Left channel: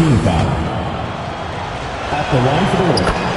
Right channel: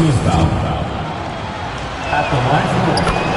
team foul. At the line for the win.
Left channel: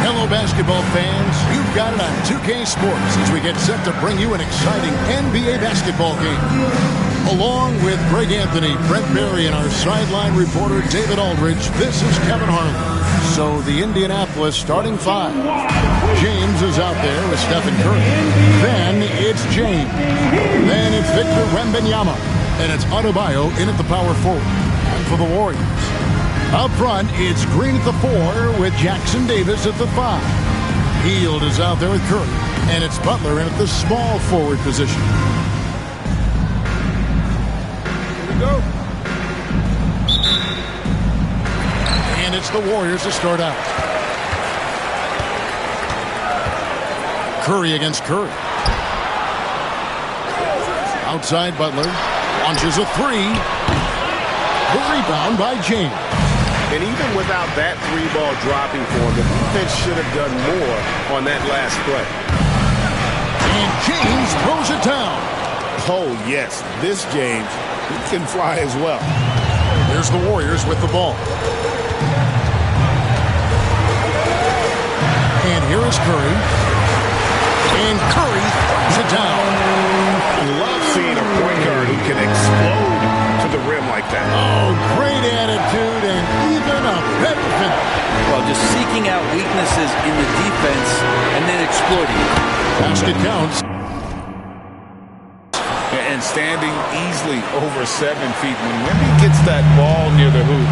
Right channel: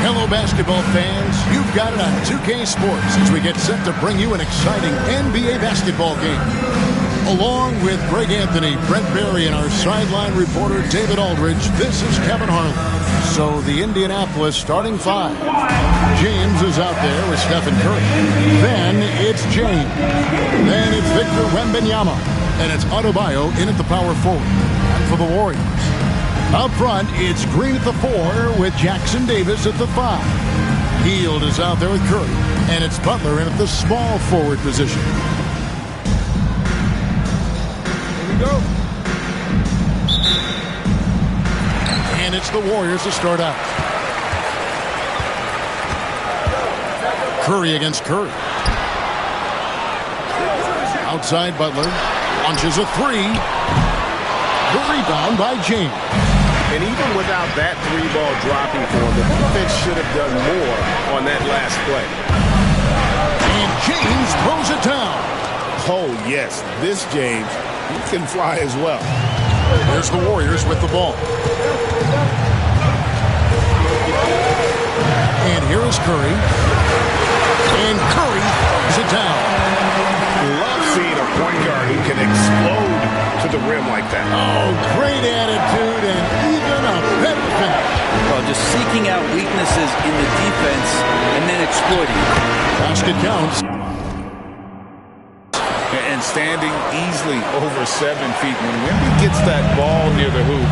Hello, basketball fans. You've got it on 2K Sports as we get set to bring you an exciting NBA basketball game. Along with Greg Anthony, Brent Barry, and our sideline reporter David Aldridge, this is Kevin Harlan. So the Indianapolis starting five. James is out there with Stephen Curry. Then it's James. Then it's Victor Wembanyama. And it's Adebayo in at the power forward. And for the Warriors, up front, it's Green at the 4 with Jackson Davis at the 5. Hield is out there with Curry. And it's Butler in at the small forward position. Here we go. And it's the Warriors to start out. Curry against Curry. Outside Butler. Launches a 3. The rebound by James. And even without that 3-ball dropping for him, the defense should have done more on that last play. And James throws it down. Oh, yes. This James, he can fly as well. Here's the Warriors with the ball. And here is Curry. And Curry throws it down. Love seeing a point guard who can explode to the rim like that. Oh, great attitude and even a better finish. Well, just seeking out weaknesses in the defense and then exploiting it. Basket counts. And standing easily over 7 feet. When Wemby gets that ball near the hoop,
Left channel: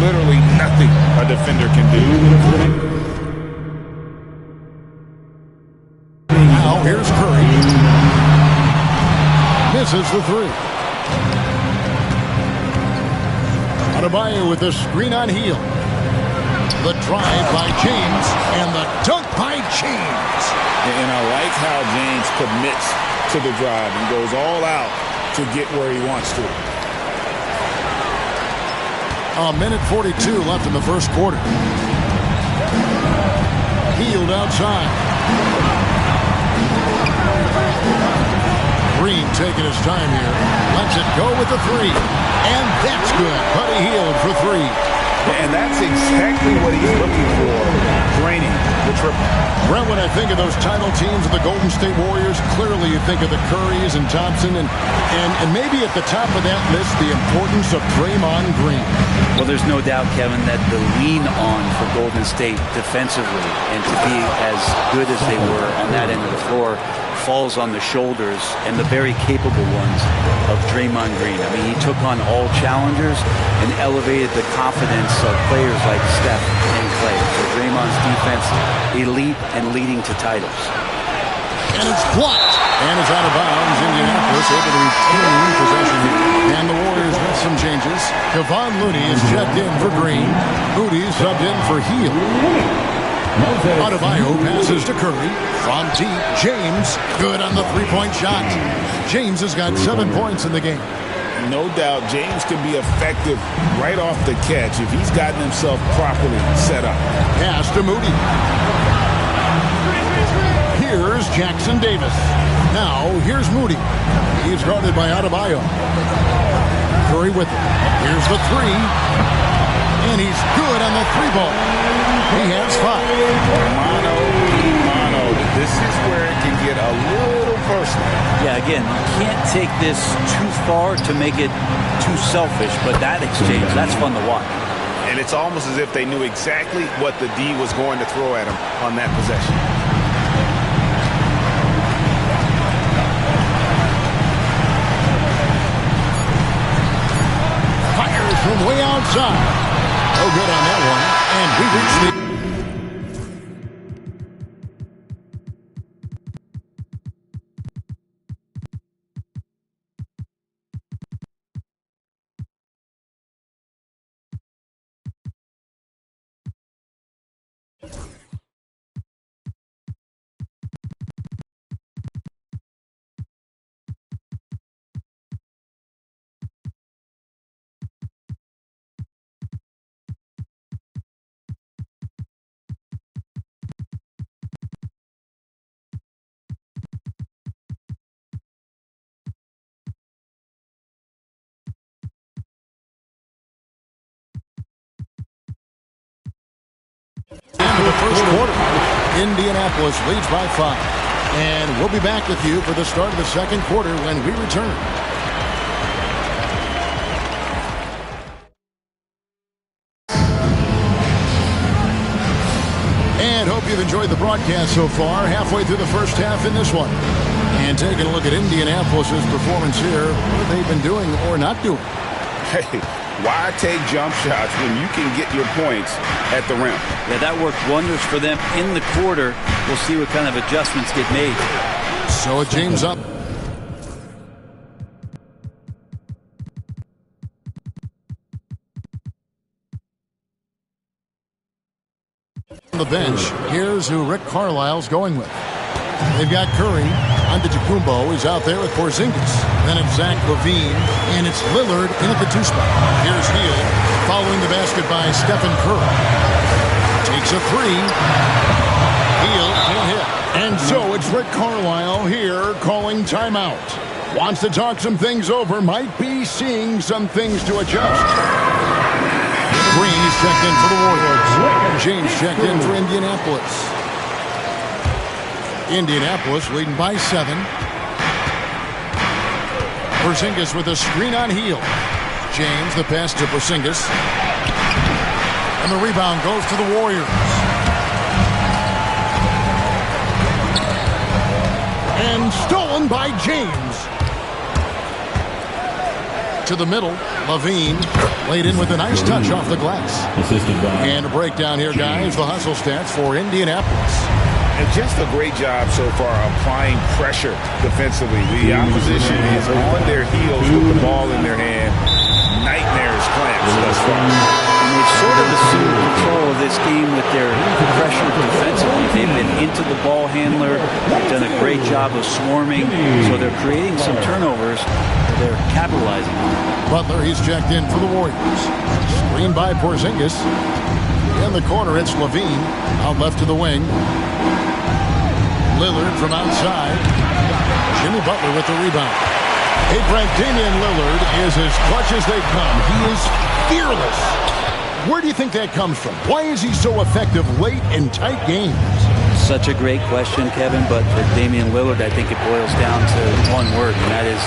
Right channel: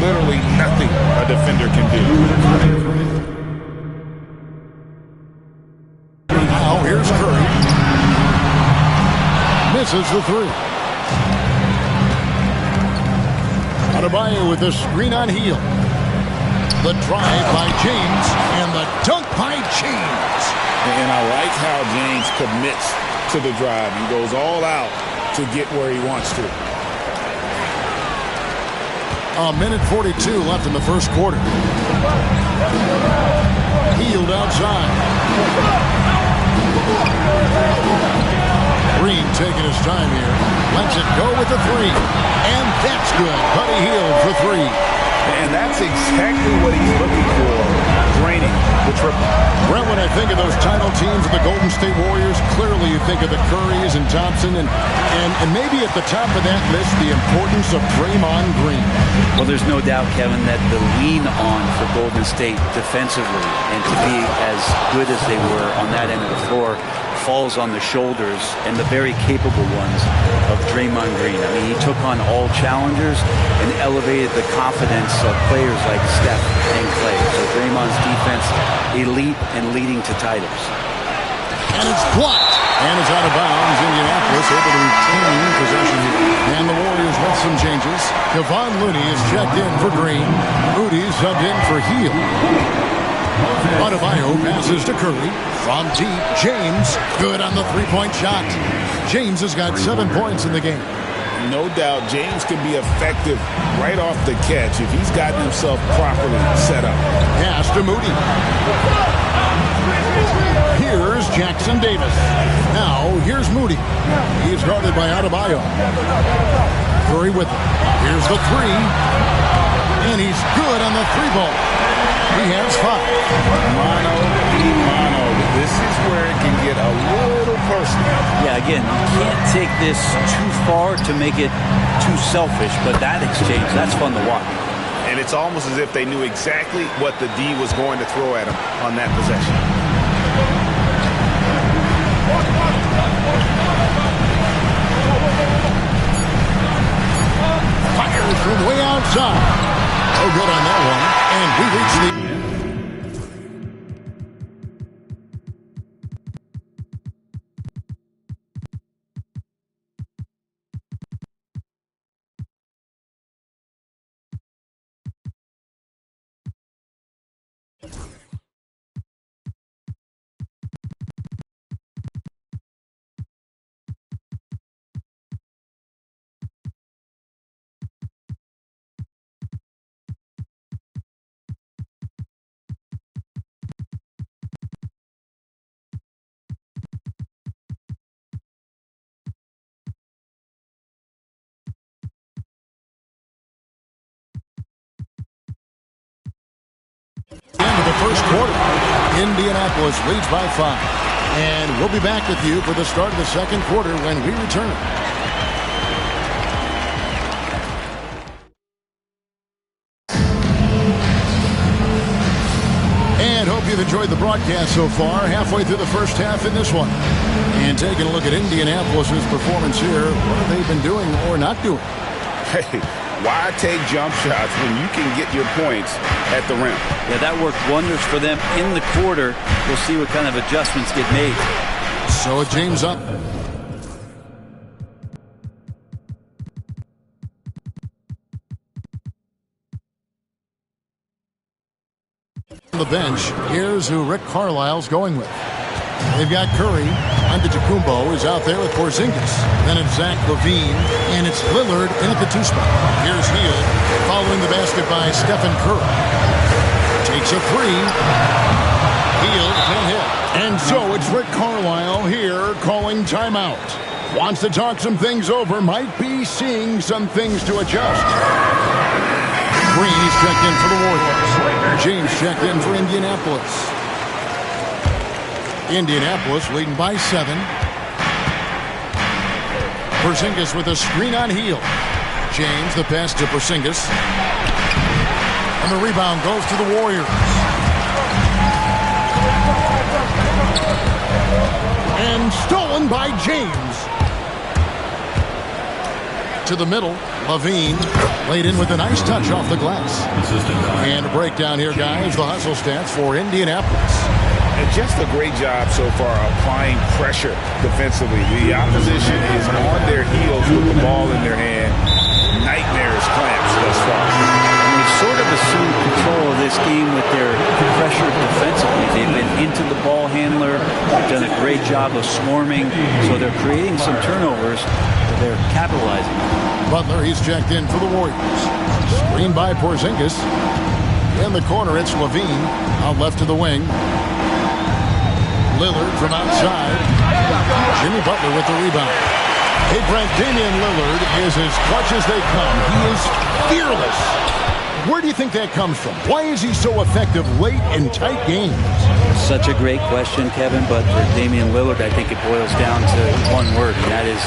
literally nothing a defender can do. Now here's Curry. Misses the 3. Adebayo with the screen on Hield. The drive by James and the dunk by James. And I like how James commits to the drive and goes all out to get where he wants to. A minute 42 left in the first quarter. Hield outside. Green taking his time here. Lets it go with the 3. And that's good. Buddy Hield for 3. And that's exactly what he's looking for. Draining the triple. Brent, when I think of those title teams of the Golden State Warriors, clearly you think of the Currys and Thompson and maybe at the top of that list, the importance of Draymond Green. Well, there's no doubt, Kevin, that the lean on for Golden State defensively and to be as good as they were on that end of the floor falls on the shoulders and the very capable ones of Draymond Green. I mean, he took on all challengers and elevated the confidence of players like Steph and Clay. So Draymond's defense, elite and leading to titles. And it's blocked. And it's out of bounds. Indianapolis able to retain possession here. And the Warriors with some changes. Kevon Looney is checked in for Green. Moody subbed in for Hield. Adebayo passes to Curry. From deep, James. Good on the three-point shot. James has got 7 points in the game. No doubt James can be effective right off the catch if he's gotten himself properly set up. Pass to Moody. Here's Jackson Davis. Now, here's Moody. He's guarded by Adebayo. Curry with it. Here's the 3. And he's good on the 3 ball. He has 5. Mano y mano. No, this is where it can get a little personal. Yeah, again, you can't take this too far to make it too selfish, but that exchange, that's fun to watch. And it's almost as if they knew exactly what the D was going to throw at him on that possession. Fires from way outside. Oh, good on that one. And we reach the... End of the first quarter. Indianapolis leads by 5. And we'll be back with you for the start of the second quarter when we return. And hope you've enjoyed the broadcast so far. Halfway through the first half in this one. And taking a look at Indianapolis's performance here. What have they been doing or not doing? Hey, why take jump shots when you can get your points at the rim? Yeah, that worked wonders for them in the quarter. We'll see what kind of adjustments get made. So James up. On the bench, here's who Rick Carlisle's going with. They've got Curry. Antetokounmpo is out there with Porzingis. Then it's Zach LaVine, and it's Lillard in at the 2 spot. Here's Hield, following the basket by Stephen Curry. Takes a 3. Hield can't hit. And so it's Rick Carlisle here calling timeout. Wants to talk some things over, might be seeing some things to adjust. Green, he's checked in for the Warriors. James checked in for Indianapolis. Indianapolis leading by 7. Porzingis with a screen on Hield. James, the pass to Porzingis. And the rebound goes to the Warriors. And stolen by James. To the middle, LaVine laid in with a nice touch off the glass. And a breakdown here, guys. The hustle stats for Indianapolis. And just a great job so far applying pressure defensively. The opposition is on their heels with the ball in their hand. Nightmares clamps thus far. And they've sort of assumed control of this game with their pressure defensively. They've been into the ball handler. They've done a great job of swarming. So they're creating some turnovers that they're capitalizing on. Butler, he's checked in for the Warriors. Screen by Porzingis. In the corner, it's LaVine. Out left to the wing. Lillard from outside. Jimmy Butler with the rebound. Hey, Brent, Damian Lillard is as clutch as they come. He is fearless. Where do you think that comes from? Why is he so effective late in tight games? Such a great question, Kevin, but for Damian Lillard, I think it boils down to one word, and that is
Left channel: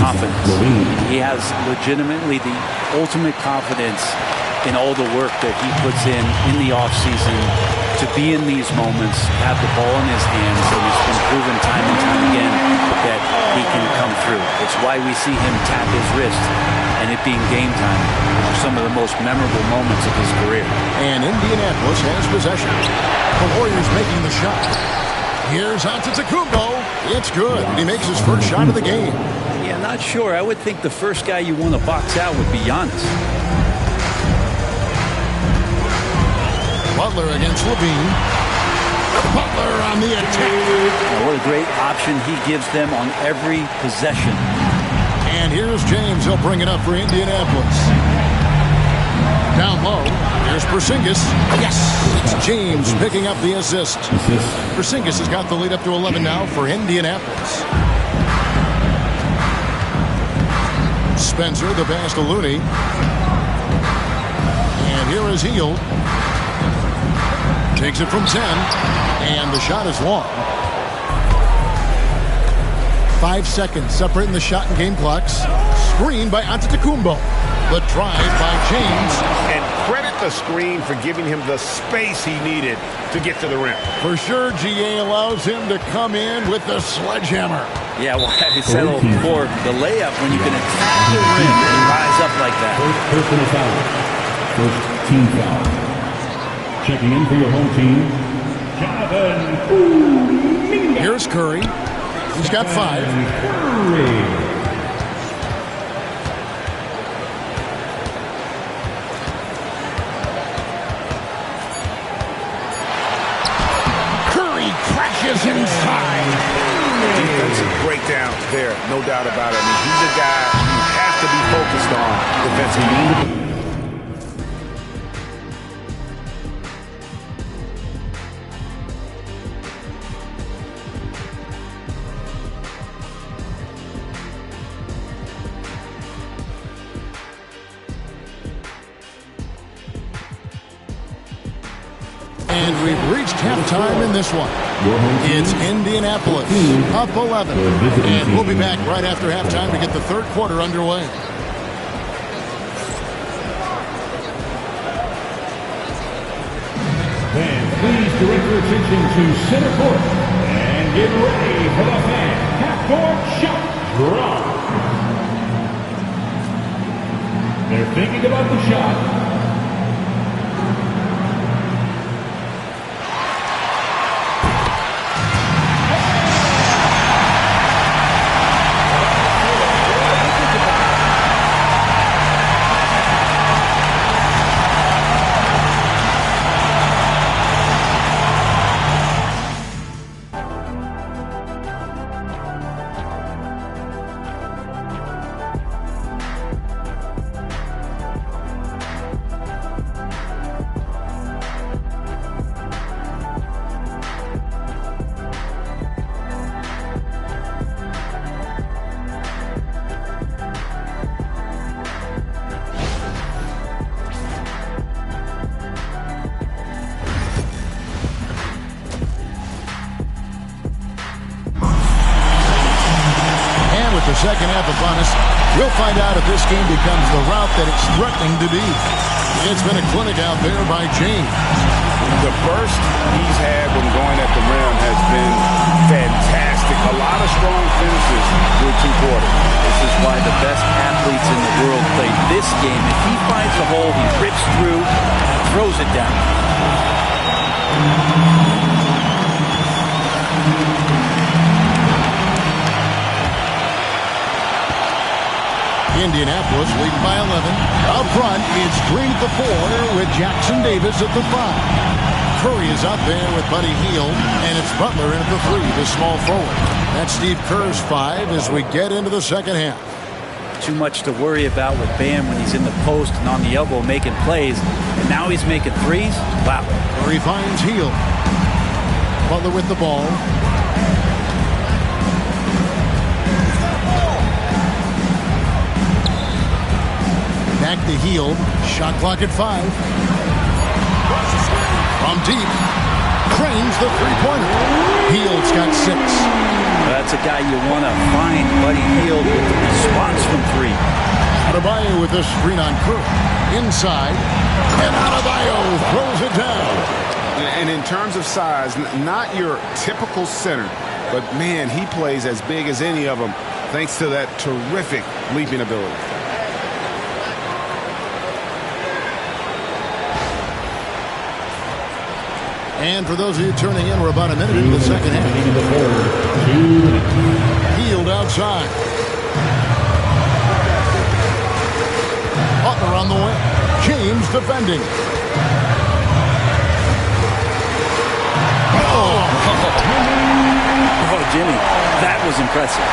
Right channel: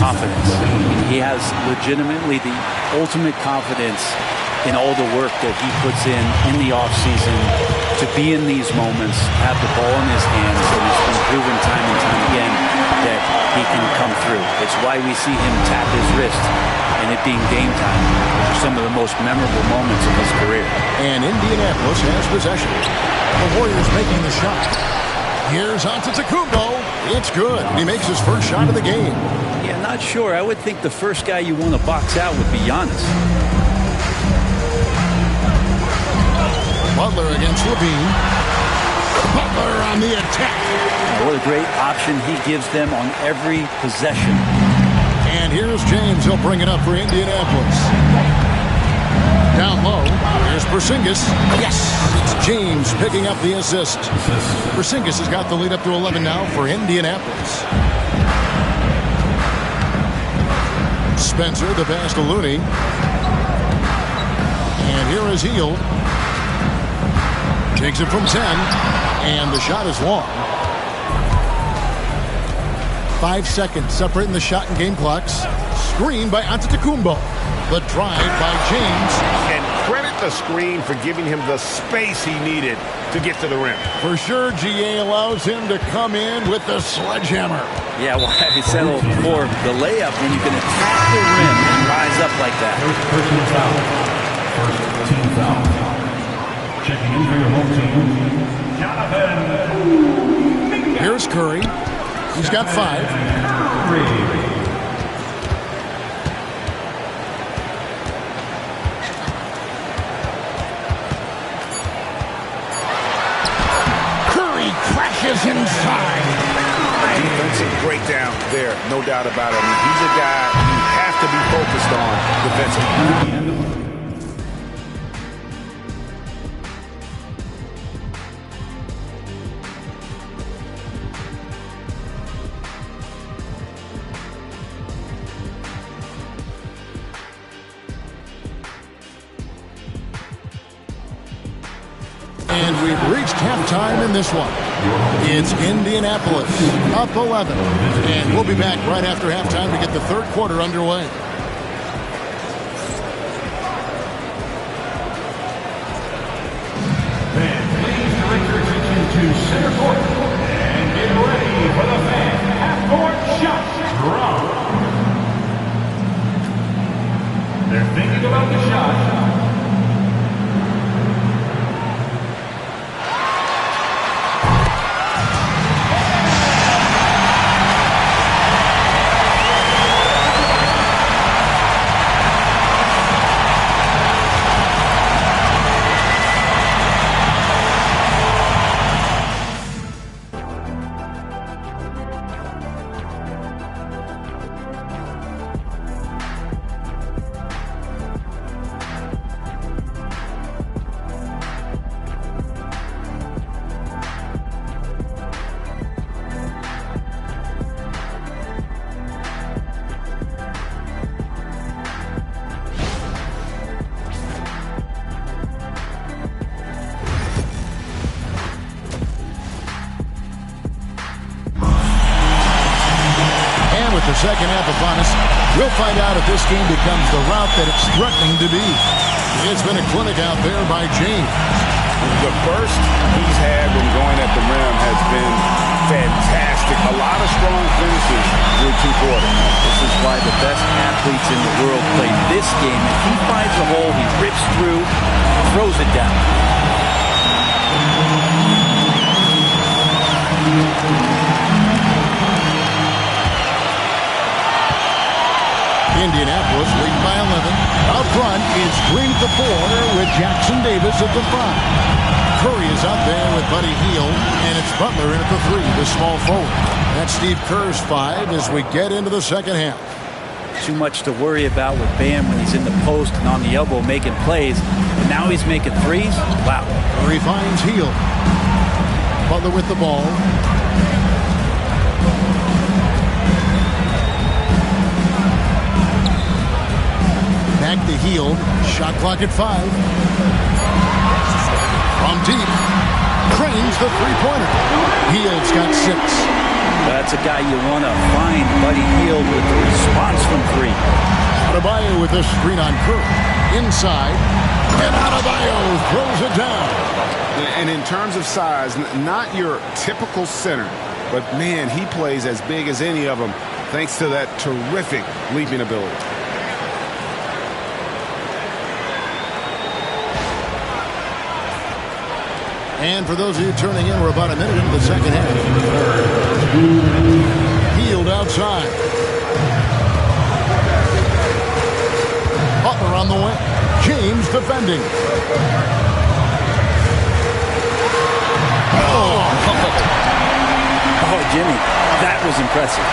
confidence. I mean, he has legitimately the ultimate confidence in all the work that he puts in the offseason to be in these moments, have the ball in his hands, and it's been proven time and time again that he can come through. It's why we see him tap his wrist and it being game time, which are some of the most memorable moments of his career. And Indianapolis has possession. The Warriors making the shot. Here's Antetokounmpo. It's good. He makes his first shot of the game. Yeah, not sure. I would think the first guy you want to box out would be Giannis. Butler against LaVine. Butler on the attack. What a great option he gives them on every possession. And here's James. He'll bring it up for Indianapolis. Down low. Here's Porzingis. Yes! It's James picking up the assist. Porzingis has got the lead up to 11 now for Indianapolis. Spencer, the pass to Looney. And here is Hield. Takes it from 10. And the shot is long. 5 seconds separating the shot and game clocks. Screen by Antetokounmpo. The drive by James. And credit the screen for giving him the space he needed to get to the rim. For sure, GA allows him to come in with the sledgehammer. Yeah, well, I said before, the layup, when you can attack the rim and rise up like that. First personal foul. First team foul. Checking in for your home team, Jonathan. Here's Curry. He's got 5. Curry crashes inside. Defensive breakdown there, no doubt about it. I mean, he's a guy you have to be focused on defensively. And we've reached halftime in this one. It's Indianapolis up 11. And we'll be back right after halftime to get the third quarter underway. Fans, please direct your attention to center court and get ready for the fan half-court shot drop. They're thinking about the shot. With the second half upon us, we'll find out if this game becomes the route that it's threatening to be. It's been a clinic out there by James. The burst he's had when going at the rim has been fantastic. A lot of strong finishes through 2 quarters. This is why the best athletes in the world play this game. If he finds a hole, he rips through, throws it down. Indianapolis leading by 11. Out front is Green at the 4 with Jackson Davis at the 5. Curry is out there with Buddy Hield, and it's Butler in at the 3, the small forward. That's Steve Kerr's 5 as we get into the second half. Too much to worry about with Bam when he's in the post and on the elbow making plays, and now he's making threes. Wow. Curry finds Hield. Butler with the ball. Back to Hield. Shot clock at 5. From deep. Cranes the three-pointer. Hield's got 6. That's a guy you want to find, Buddy Hield, with the response from 3. Adebayo with a screen on Curry. Inside. And Adebayo throws it down. And in terms of size, not your typical center, but man, he plays as big as any of them thanks to that terrific leaping ability. And for those of you turning in, we're about a minute into the second half. Hield outside. Butler on the way. James defending. Oh, Jimmy, that was impressive.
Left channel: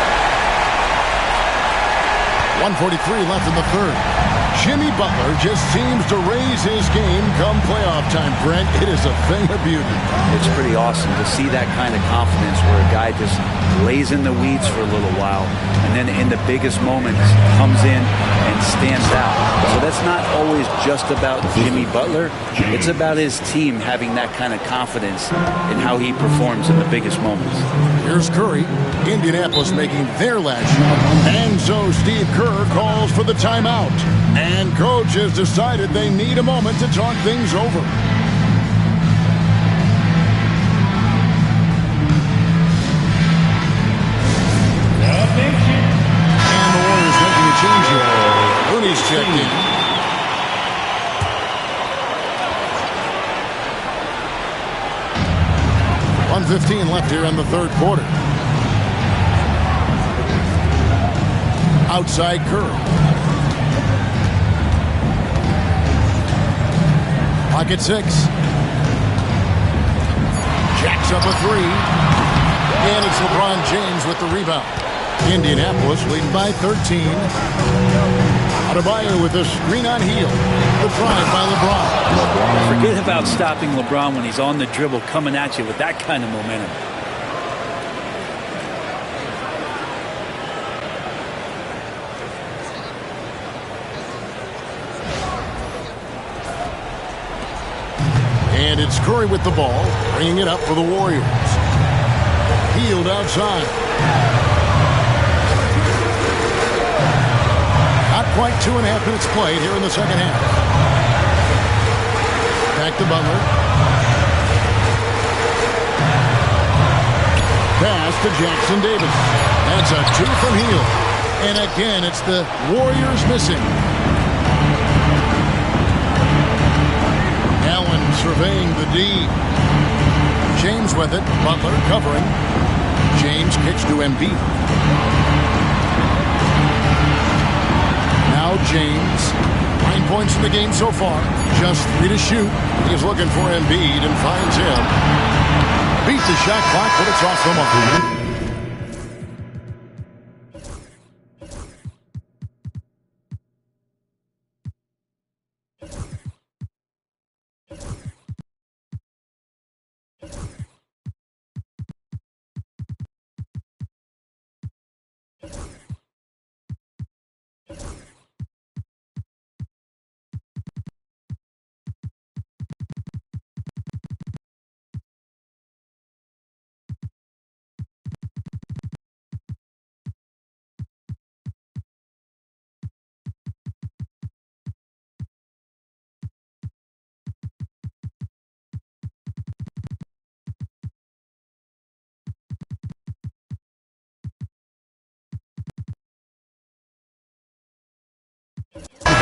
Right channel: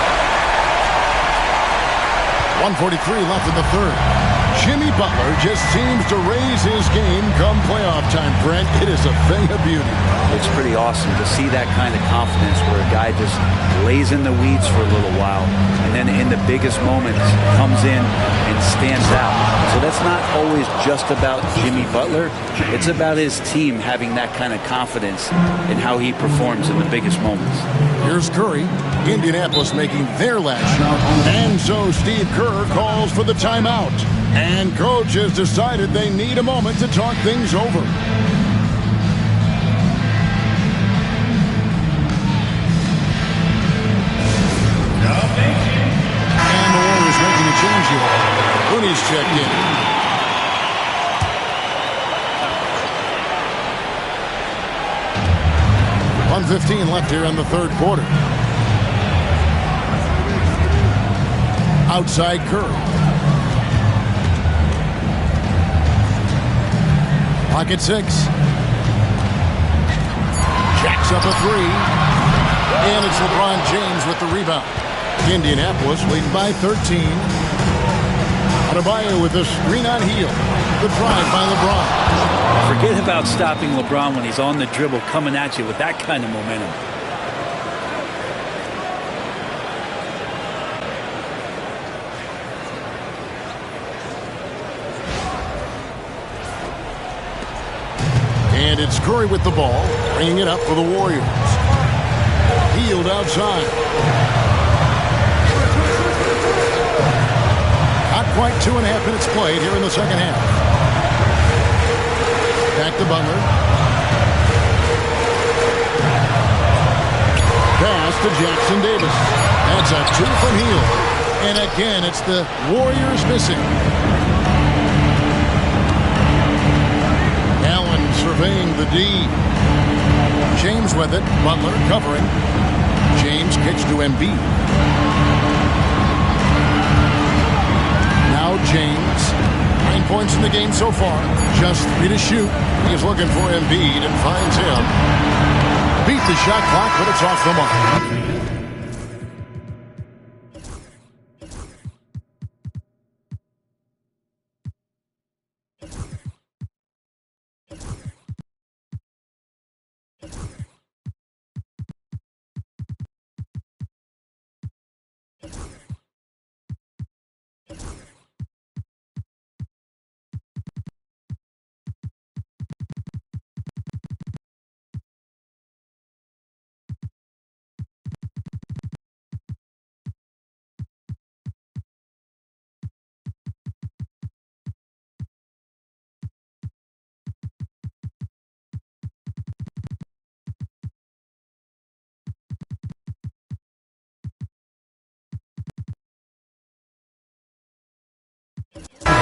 1:43 left in the third. Jimmy Butler just seems to raise his game come playoff time, Brent. It is a thing of beauty. It's pretty awesome to see that kind of confidence where a guy just lays in the weeds for a little while and then in the biggest moments comes in and stands out. So that's not always just about Jimmy Butler. It's about his team having that kind of confidence in how he performs in the biggest moments. Here's Curry. Indianapolis making their last shot. And so Steve Kerr calls for the timeout. And coach has decided they need a moment to talk things over. And the Warriors making a change here. Looney's checked in. .115 left here in the third quarter. Outside Curry. Pocket 6. Jacks up a 3. And it's LeBron James with the rebound. Indianapolis leading by 13. Adebayo with a screen on heel. The drive by LeBron. Forget about stopping LeBron when he's on the dribble coming at you with that kind of momentum. And it's Curry with the ball, bringing it up for the Warriors. Healed outside. Not quite 2.5 minutes played here in the second half. Back to Butler. Pass to Jackson Davis. That's a 2 from Hield. And again, it's the Warriors missing. Allen surveying the D. James with it. Butler covering. James kicks to Embiid. Now James. 9 points in the game so far. Just 3 to shoot. He's looking for Embiid and finds him. Beat the shot clock, but it's off the mark.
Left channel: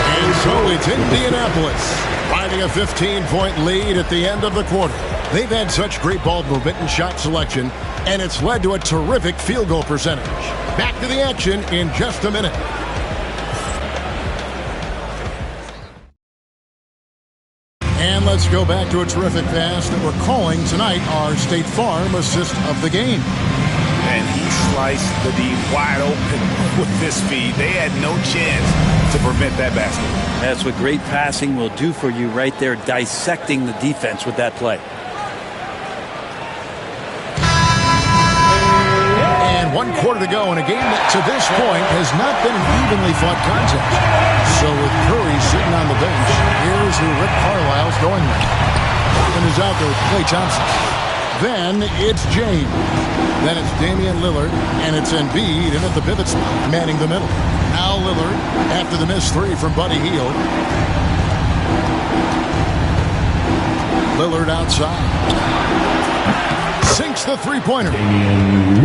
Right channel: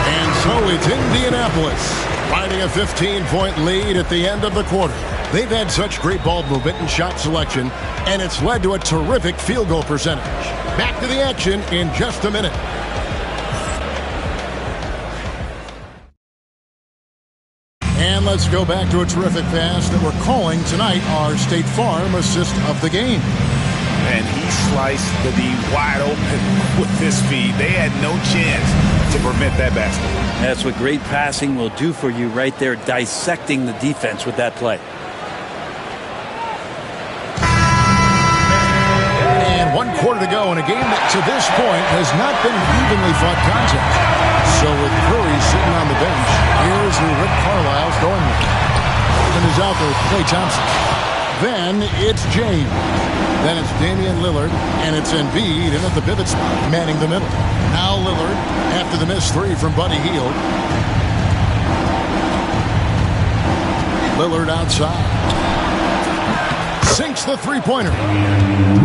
And so it's Indianapolis riding a 15-point lead at the end of the quarter. They've had such great ball movement and shot selection, and it's led to a terrific field goal percentage. Back to the action in just a minute. And let's go back to a terrific pass that we're calling tonight our State Farm assist of the game. And he sliced the D wide open with this feed. They had no chance to prevent that basket. That's what great passing will do for you right there, dissecting the defense with that play. And 1 quarter to go in a game that to this point has not been an evenly fought contest. So with Curry sitting on the bench, here's who Rick Carlisle's going with. Robin is out there with Klay Thompson. Then it's James. Then it's Damian Lillard, and it's Embiid in at the pivot spot, manning the middle. Now Lillard, after the missed 3 from Buddy Hield. Lillard outside. Sinks the three-pointer.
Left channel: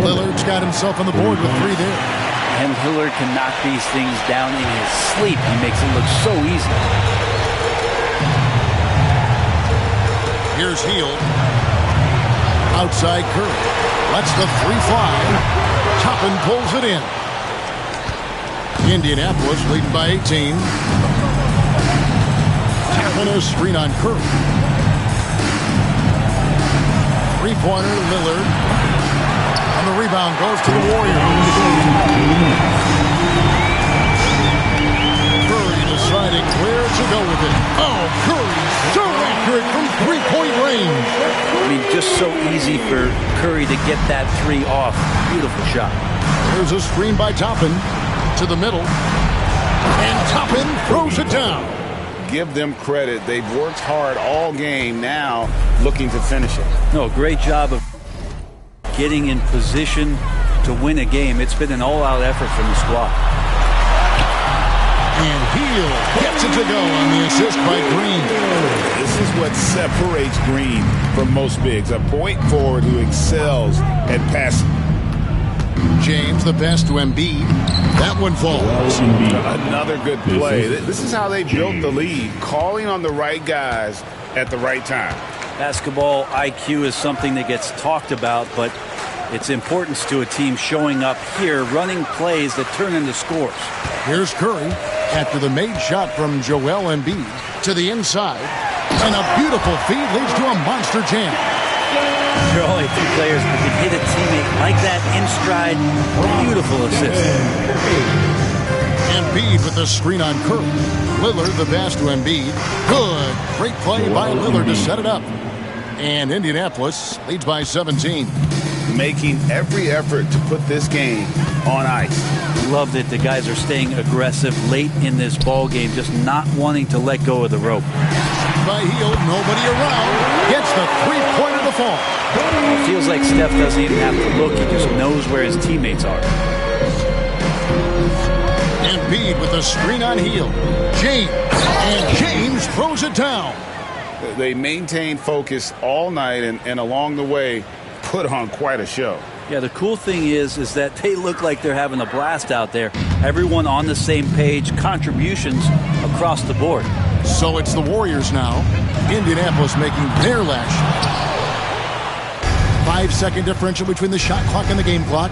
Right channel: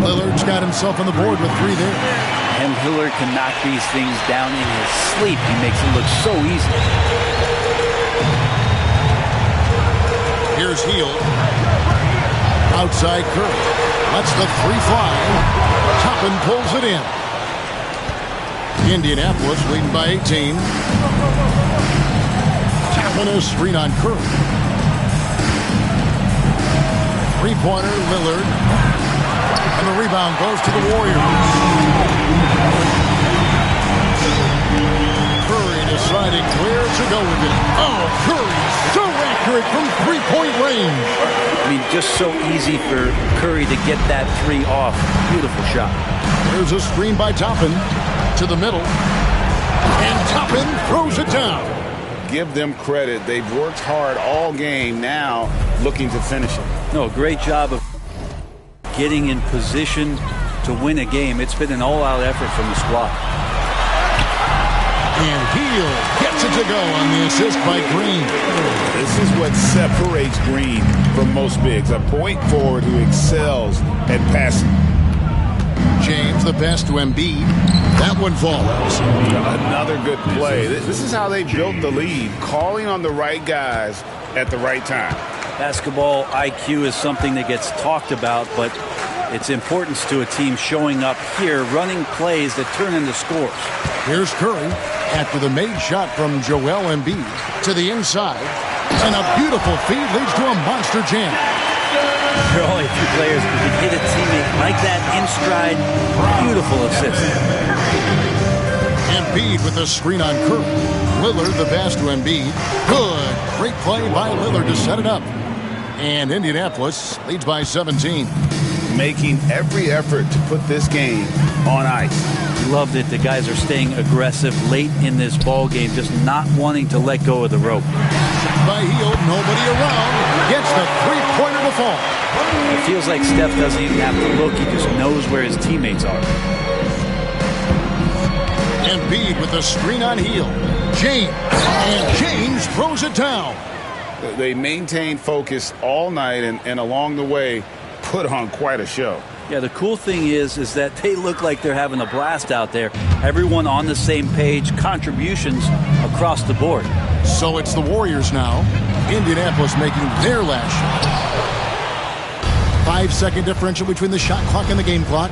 Lillard's got himself on the board with 3 there. And Lillard can knock these things down in his sleep. He makes it look so easy. Here's Hield. Outside Curry. Lets the 3 fly. Toppin pulls it in. Indianapolis leading by 18. Toppin a screen on Curry. 3-pointer, Lillard. And the rebound goes to the Warriors. Curry deciding where to go with it. Oh, Curry so accurate from 3-point range. I mean, just so easy for Curry to get that 3 off. Beautiful shot. There's a screen by Toppin to the middle. And Toppin throws it down. Give them credit. They've worked hard all game, now looking to finish it. No, great job of getting in position to win a game. It's been an all-out effort from the squad. And Heel gets it to go on the assist by Green. This is what separates Green from most bigs. A point forward who excels at passing. James, the pass to Embiid. That one falls. Another good play. This is how they built the lead, calling on the right guys at the right time. Basketball IQ is something that gets talked about, but its importance to a team showing up here, running plays that turn into scores. Here's Curry after the made shot from Joel Embiid to the inside. And a beautiful feed leads to a monster jam. There are only two players who can hit a teammate like that in stride. Beautiful assist. Embiid with the screen on Curry. Lillard the pass to Embiid. Good. Great play by Lillard to set it up. And Indianapolis leads by 17. Making every effort to put this game on ice. Loved it. The guys are staying aggressive late in this ball game, just not wanting to let go of the rope. Shot by Heel, nobody around. Gets the three-pointer to fall. It feels like Steph doesn't even have to look. He just knows where his teammates are. Embiid with a screen on Heel. James. And James throws it down. They maintain focus all night and along the way put on quite a show. Yeah, the cool thing is that they look like they're having a blast out there. Everyone on the same page, contributions across the board. So it's the Warriors now. Indianapolis making their last shot. 5-second differential between the shot clock and the game clock.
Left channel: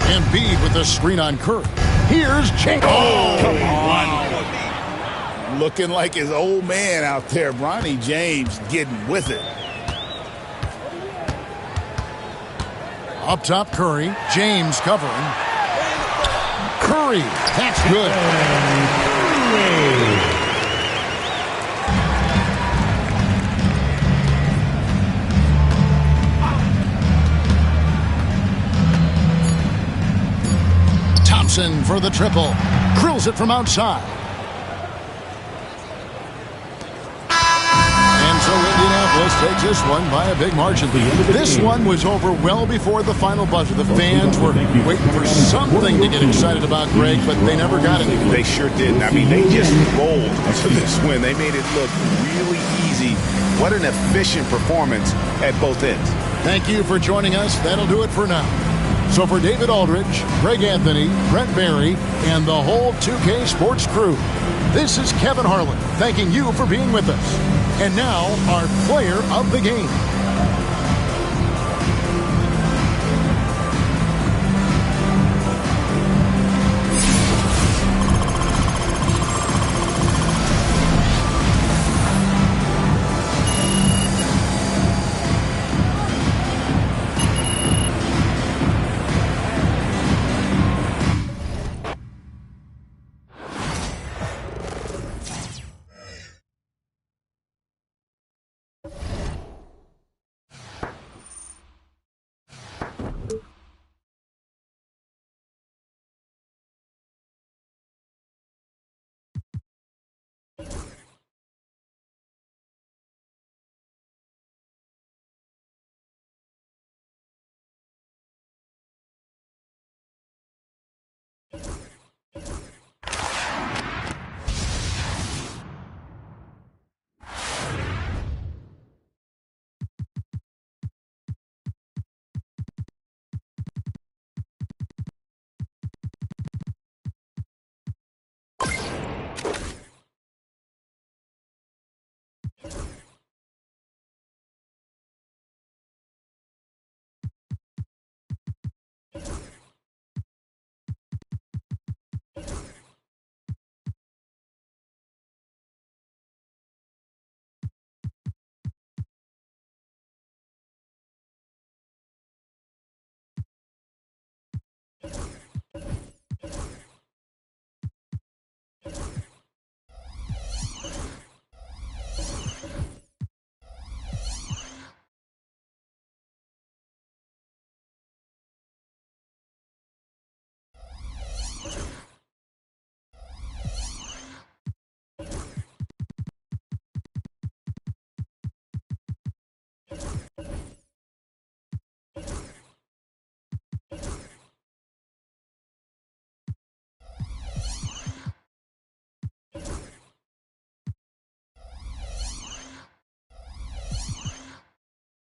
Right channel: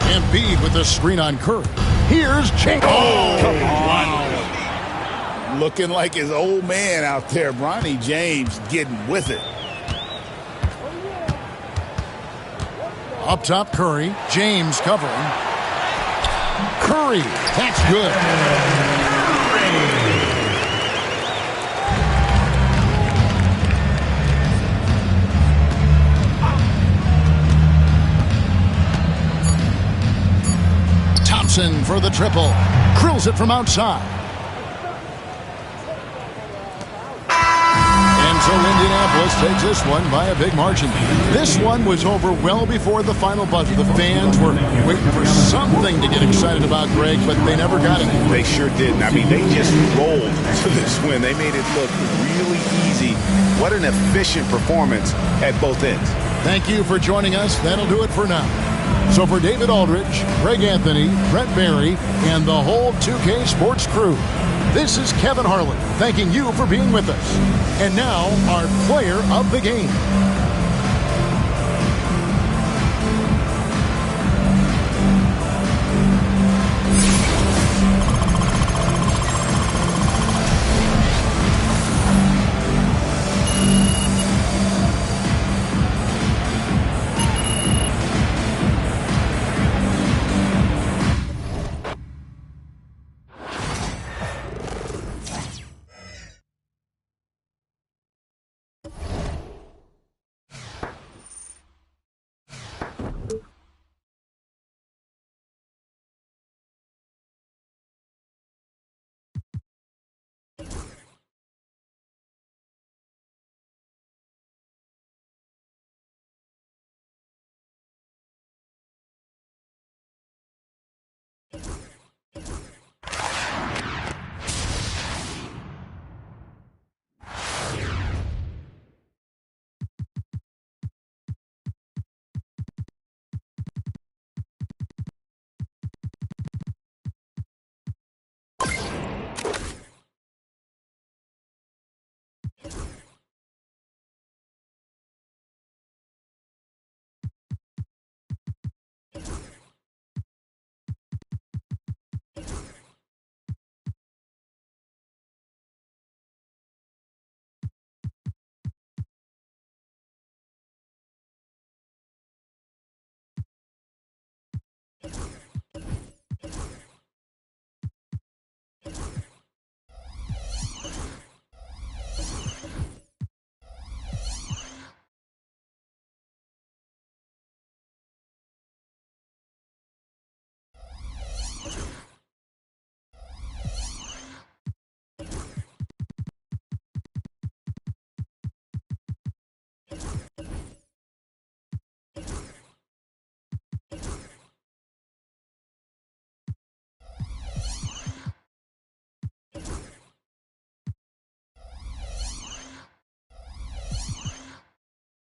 Embiid with the screen on Curry. Here's James. Oh, come on. Looking like his old man out there, Bronny James getting with it. Up top, Curry. James covering. Curry. That's good. Thompson for the triple. Drills it from outside. And so Indianapolis takes this one by a big margin. This one was over well before the final buzzer. The fans were waiting for something to get excited about, Greg, but they never got it. They sure didn't. I mean, they just rolled to this win. They made it look really easy. What an efficient performance at both ends. Thank you for joining us. That'll do it for now. So for David Aldridge, Greg Anthony, Brent Barry, and the whole 2K Sports crew, this is Kevin Harlan thanking you for being with us. And now, our player of the game.